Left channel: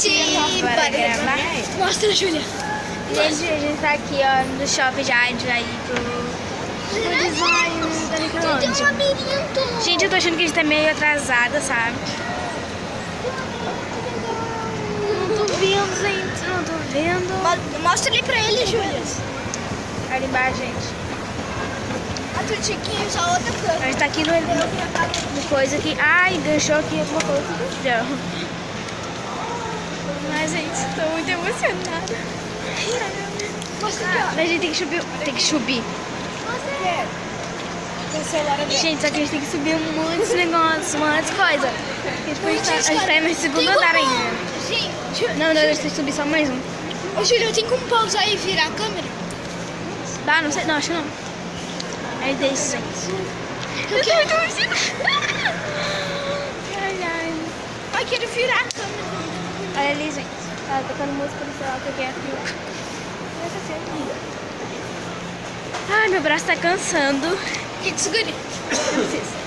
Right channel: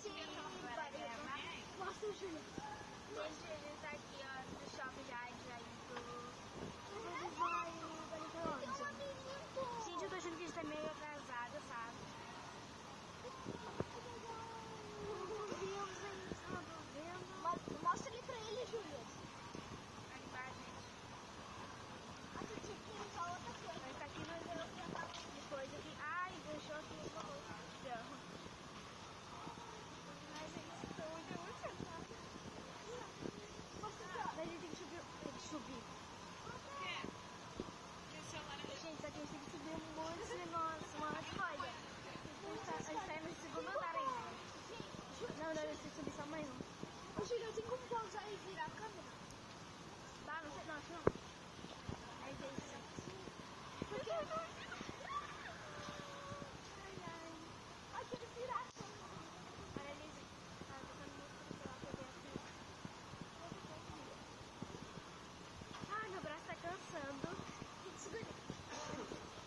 gente! Bora gravar? Mostra, Júlia. Gente, a gente tá aqui, ó, no shopping já, a gente vai ir pro design da Tem um Nickelodeon. labirinto. Gente, eu tô achando que a gente tá meio atrasada, sabe? Não tô vendo, gente, não tô vendo. Mostra ali pra ele, Júlia. Ali embaixo, gente. A tua tiquinha, só outra A câmera. gente tá aqui no coisa aqui. Ai, enganchou aqui alguma coisa. Não. Mas, gente, tô muito emocionada. Mostra aqui, ó. A gente tem que subir. Tem que subir. Mostra. Tem o celular ali. Gente, só que a gente tem que subir muitos negócios, muitas coisas. Porque, tipo, a gente tá no segundo andar ainda. Gente, Não, a gente tem que subir só mais um. ô Júlia, tem como pausar e virar a câmera? Tá, não sei, não, acho que não. Aí deixa, gente. Eu tô muito emocionada. Ai, ai. Ai, quero virar a câmera. Olha ali, gente. Tá tocando música no celular, que eu quero. Ai, meu braço tá cansando. Que te segure. Não precisa.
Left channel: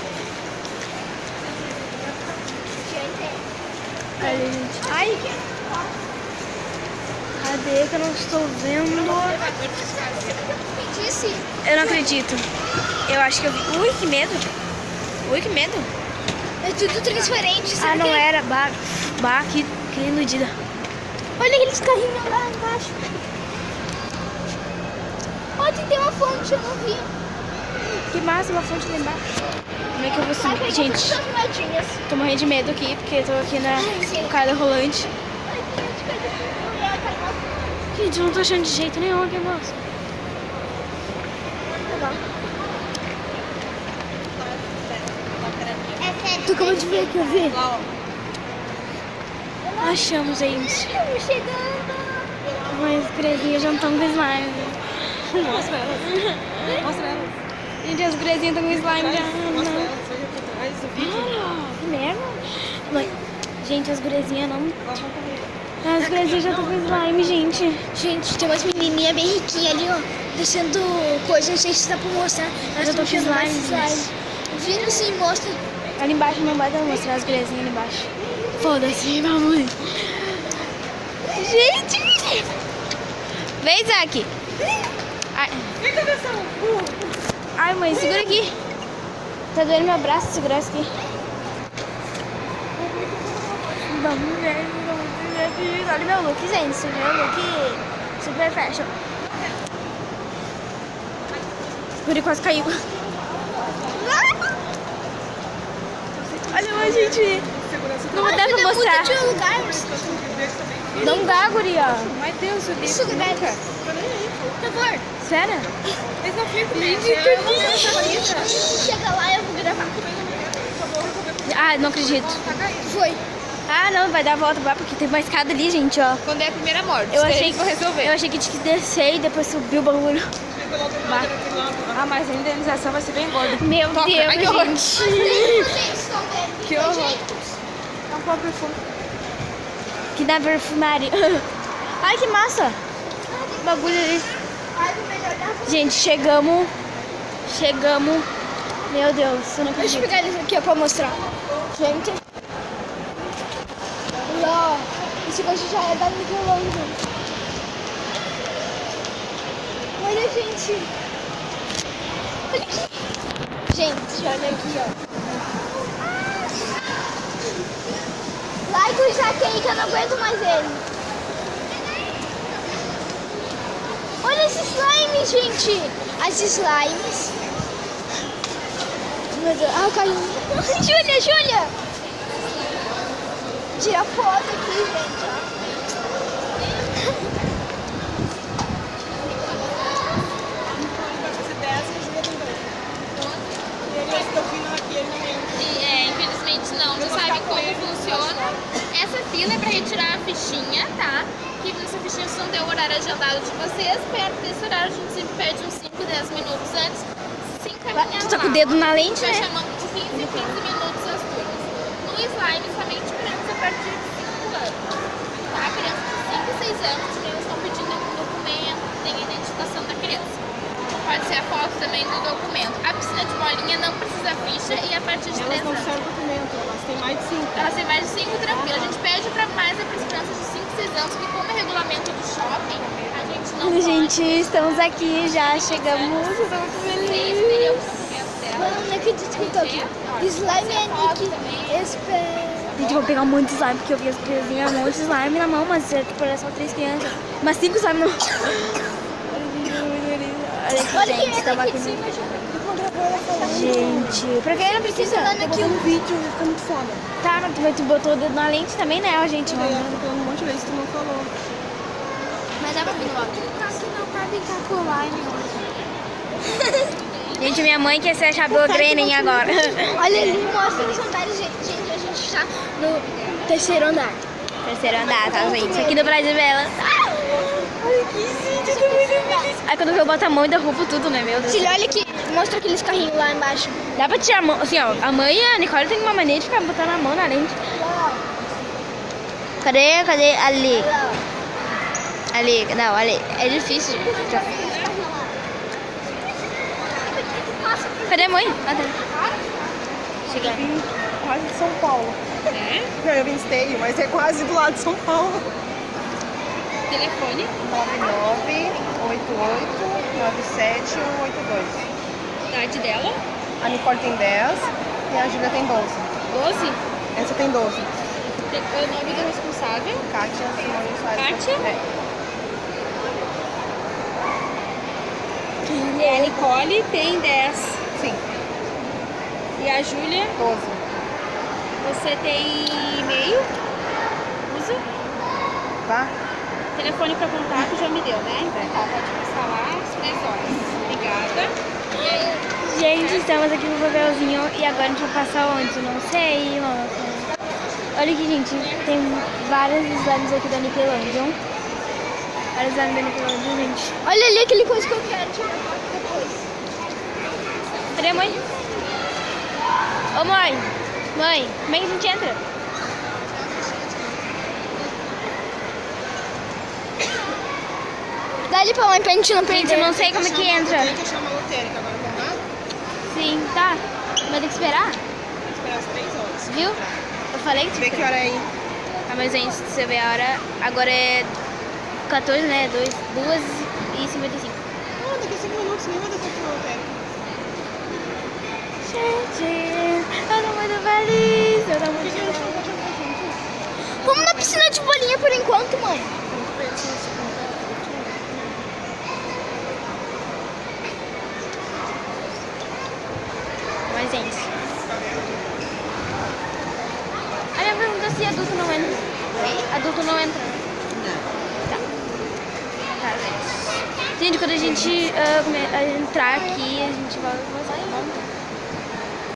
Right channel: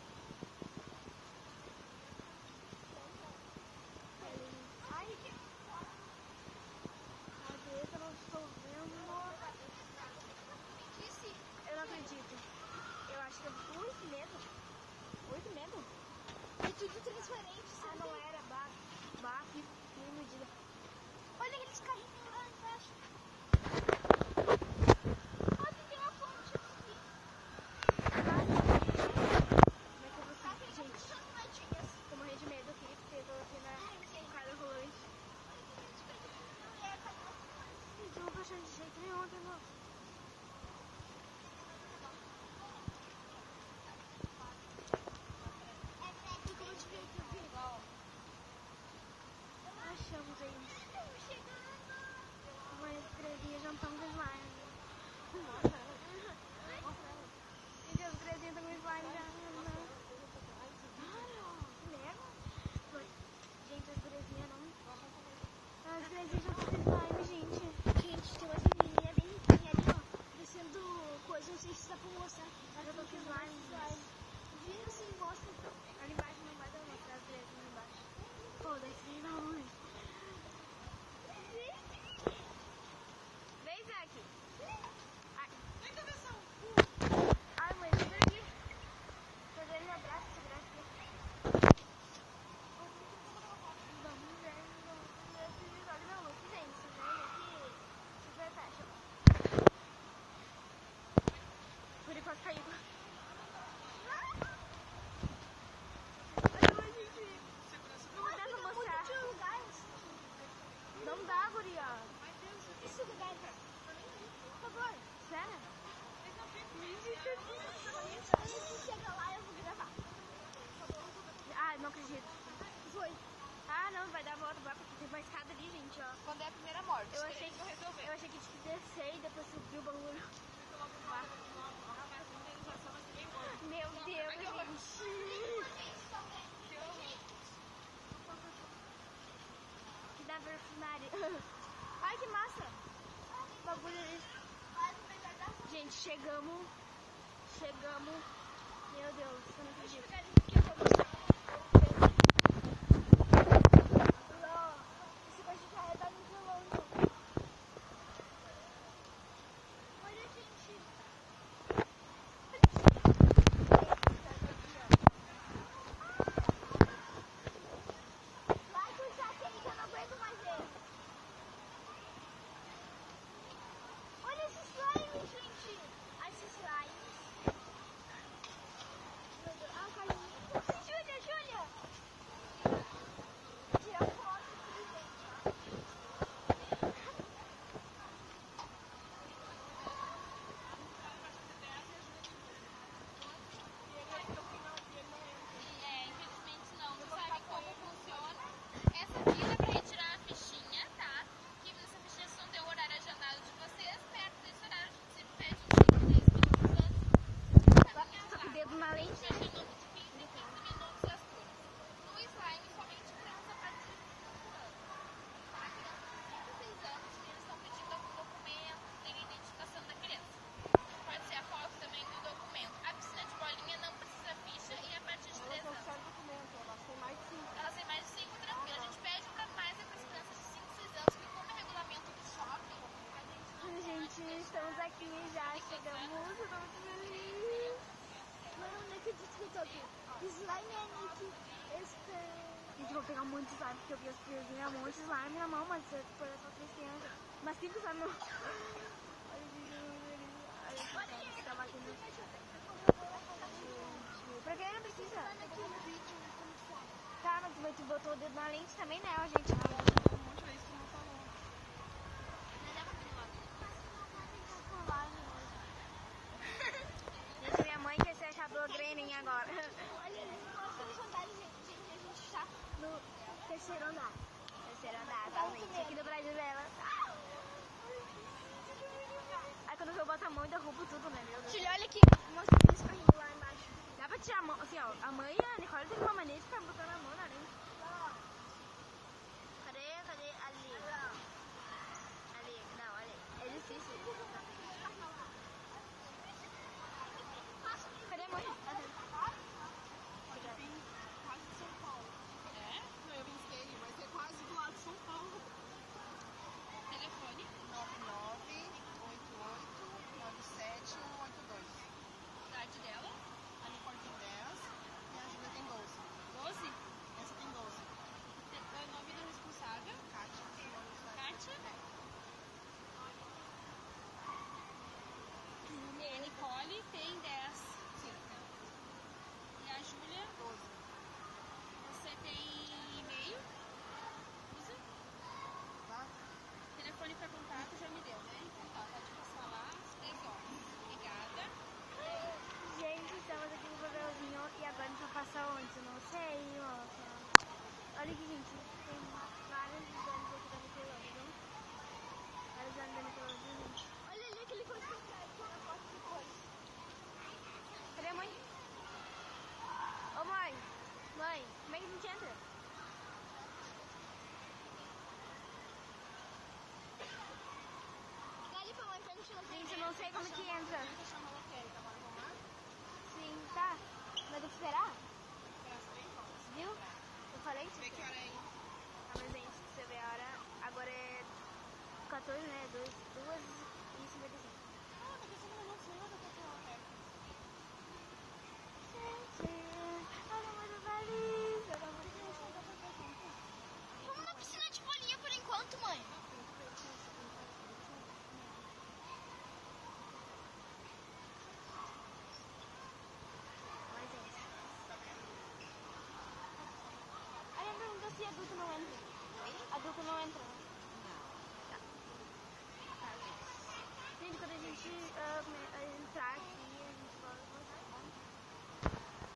Olha, gente. Ai, Cadê que eu não estou vendo? que disse? Eu não acredito. Eu acho que eu vi. Ui, que medo. Ui, que medo. É tudo transparente. Ah, Será não que é? era. Bah, que iludida. Olha aqueles carrinhos lá embaixo. Olha, tem uma fonte, eu não vi. Que massa, uma fonte lá embaixo. Como é que eu vou Ai, subir? tem Gente, essas moedinhas. tô morrendo de medo aqui, porque eu tô aqui na sim. escada rolante. Ai, tem as coisas que não é, Gente, eu não tô achando de jeito nenhum aqui, moço. Tu acabou de ver aqui, eu vi. Achamos, gente. Estamos chegando. Mas as guriazinhas já não estão com slime. Mostra elas. Mostra elas. Gente, as guriazinhas estão com slime já. Mostra Não. elas. Seja por trás do vídeo. Que merda. Mãe, gente, as guriazinhas não... As guriazinhas já estão com slime, gente. Gente, tem umas menininhas bem riquinhas ali, ó. Deixando coisa, não sei se dá pra mostrar. Elas Eu tô estão com tirando mais slime, slime. Vira assim, mostra. Ali embaixo não vai dar pra mostrar as guriazinhas ali embaixo. Foda-se, mamãe. Gente! Vem, Isaac. Ai. Ai, mãe, segura aqui. Tá doendo meu braço, segurar isso aqui. Vamos ver, olha meu look, gente. Meu look super fashion. O guri quase caiu. Olha, gente. Não dá pra mostrar. Muda de lugar. Não dá, guria. Mas Deus, eu Isso, disse Beca. nunca. Por favor. Sério? Eles não ficam comigo. Eu não quero essa bonita. Chega lá, eu vou gravar. Ah, não acredito. Foi. Ah, não, vai dar a volta, vai, porque tem uma escada ali, gente, ó. Quando é a primeira morte. Eu achei que vou resolver. Eu achei que tinha que descer e depois subir o bagulho. Ah, mas a indenização vai ser bem gorda. Meu Toca. Deus, Ai, que horror. gente. Vocês estão vendo. Que horror. É um pouco perfume. Que dá perfumaria. Ai, que massa. O bagulho ali. Gente, chegamos. Meu Deus, eu não Deixa eu acredito. pegar eles aqui ó, pra mostrar. Gente. E ó, esse gosto já é da Nickelodeon. Olha, gente. Olha aqui. Gente, olha aqui, ó. Like o Isaac aí que eu não aguento mais ele. Olha esses slimes, gente. As slimes. Meu Deus. Ah, o carrinho. Júlia. Tira foto aqui, gente. Infelizmente não sabe como funciona. Essa fila é para retirar a fichinha, tá? Que nessa fichinha vocês não tem o horário agendado de vocês. Perto desse horário a gente sempre perde uns 5, 10 minutos antes. Se encaminhar Tu tá com o lá. dedo na lente, Vai né? chamando de 15 em 15 minutos as turmas. No slime, somente crianças a partir de 5 anos. Tá? Crianças de 5 e 6 anos, os meninos estão pedindo um documento, tem a identificação da criança. Pode ser a foto também do documento. A piscina de bolinha não precisa ficha e a partir de 3 Elas não anos. precisam de documento, elas têm mais de 5. Elas têm mais de 5 tranquilas. A gente pede para mais para as crianças de gente, estamos aqui já, chegamos, eu tô muito feliz. Mano, não acredito que eu tô aqui. Slime é Nick. Gente, eu vou pegar um monte de slime, porque eu vi as criancinhas, um monte de slime na mão, mas tipo, era só 3 crianças. Mas 5 slime na mão. Olha aqui, Olha gente, que tava aqui aqui. de cima, Gente, pra quem não precisa. aqui um vídeo, fica muito foda. Tá, mas tu botou o dedo na lente também, né, ó, gente? Eu tô falando um monte de vezes, tu não falou. Mas dá pra vir no áudio. Aqui não pra brincar com o slime. Gente, minha mãe quer ser a Chabelo Grenin agora. Olha ali, mostra os andares, gente. A gente tá no 3º andar. Terceiro andar, tá, gente? Aqui no Brasil Bela. Ai, que gente, eu tô muito feliz. Aí quando eu boto a mão e derrubo tudo, né, meu Deus. Filho, olha aqui. Mostra aqueles carrinhos lá embaixo. Dá pra tirar a mão, assim, ó. A mãe e a Nicole tem uma mania de ficar botando a mão na lente. Cadê? Ali. Ali, não, ali. É difícil, gente. Cadê a mãe? Ah, tá. Chega. Eu vim quase de São Paulo. Não, eu vim esteio, mas é quase do lado de São Paulo. Telefone. 99889782. Idade dela. A Nicole tem 10 e a Júlia tem 12. 12. Essa tem 12. O nome do responsável. Kátia Simone Soares. Kátia? É. E a Nicole tem 10. Sim, E a Júlia, 12. você tem e-mail? Usa? Tá? Telefone para contato já me deu, né? Então tá, pode passar lá às 3 horas. Obrigada. E aí? Gente, estamos aqui no papelzinho e agora a gente vai passar onde? Não sei, nossa. Olha aqui, gente, tem vários slimes aqui da Nickelodeon. Vários slimes da Nickelodeon, gente. Olha ali aquele coisa que eu quero tirar foto depois. Cadê a mãe? Ô, mãe. Mãe, como é que a gente entra? Dá ali pra mãe pra gente não Gente, perder. eu não sei como é que entra. Tem que chamar a lotérica agora, vamos lá? Sim, tá. Vai ter que esperar, Esperar as 3 horas. viu? Eu falei que Vê que hora é aí. Ah, mas gente, se você ver a hora, agora é 14, né? 2h55. Ah, daqui a 5 minutos, nem vai dar tempo na lotérica. Gente, eu tô muito feliz. Eu tô muito feliz. Vamos na piscina de bolinha por enquanto, mãe. Mas, gente. A minha pergunta é se adulto não entra. Adulto não entra. Tá. Tá, gente. Gente, quando a gente entrar aqui, a gente vai começar.